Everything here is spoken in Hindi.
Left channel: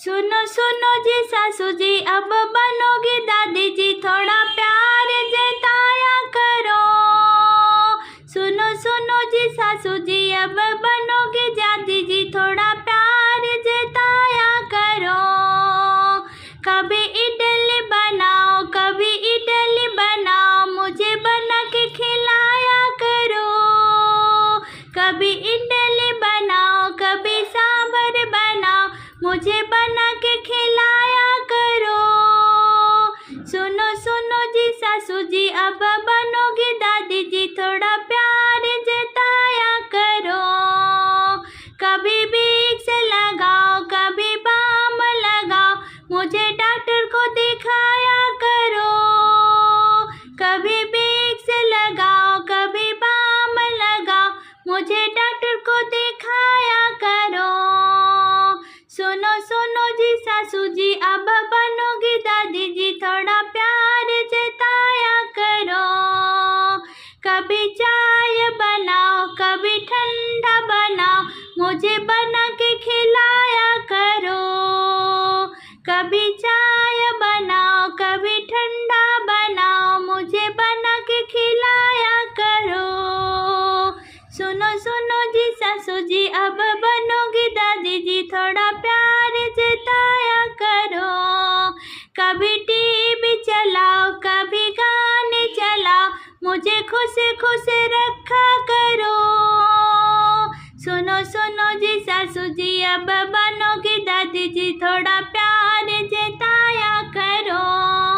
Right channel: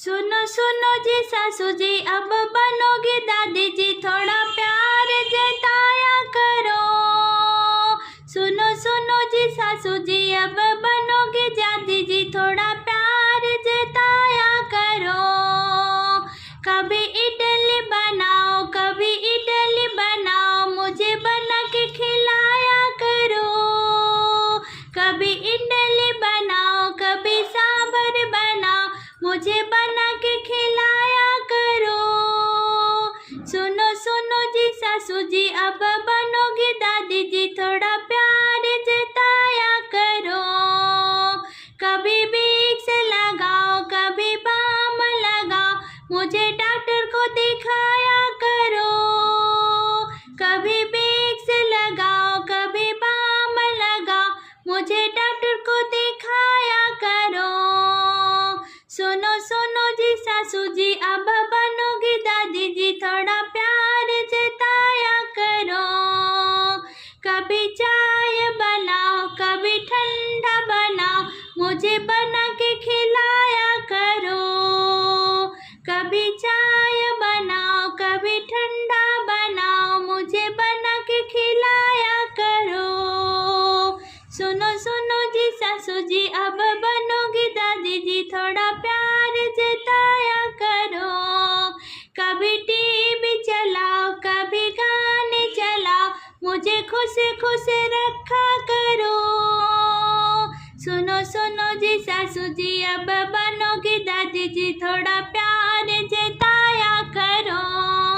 सुनो सुनो जी सासू जी, अब बनोगी दादी जी, थोड़ा प्यार जताया करो। सुनो सुनो जी सासू जी, अब बनोगी दादी जी, थोड़ा प्यार जताया करो। कभी इडली बनाओ, कभी इडली बनाओ, मुझे बना के खिलाया करो। कभी इडली बनाओ, कभी सांभर बनाओ, मुझे बना के खिलाया करो। सुनो सुनो जी सासू जी, अब बनोगी दादी जी, थोड़ा प्यार जताया करो। कभी विक्स लगाओ, कभी बाम लगाओ, मुझे डॉक्टर को दिखाया करो। कभी विक्स लगाओ, कभी बाम लगाओ, मुझे डॉक्टर को दिखाया करो। सुनो सुनो जी सासू जी, अब बनोगी दादी जी, थोड़ा प्यार जताया करो। कभी चाय बनाओ, कभी ठंडा बनाओ, मुझे बना के खिलाया करो। कभी चाय बनाओ, कभी ठंडा बनाओ, मुझे बना के खिलाया करो। सुनो सुनो जी सासू जी, अब बनोगी दादी जी, थोड़ा प्यार जताया करो। कभी टीवी चलाओ, कभी गाने चलाओ, मुझे खुश खुश रखा करो। सुनो सुनो जी सासू जी, अब बनोगी दादी जी, थोड़ा प्यार जताया करो।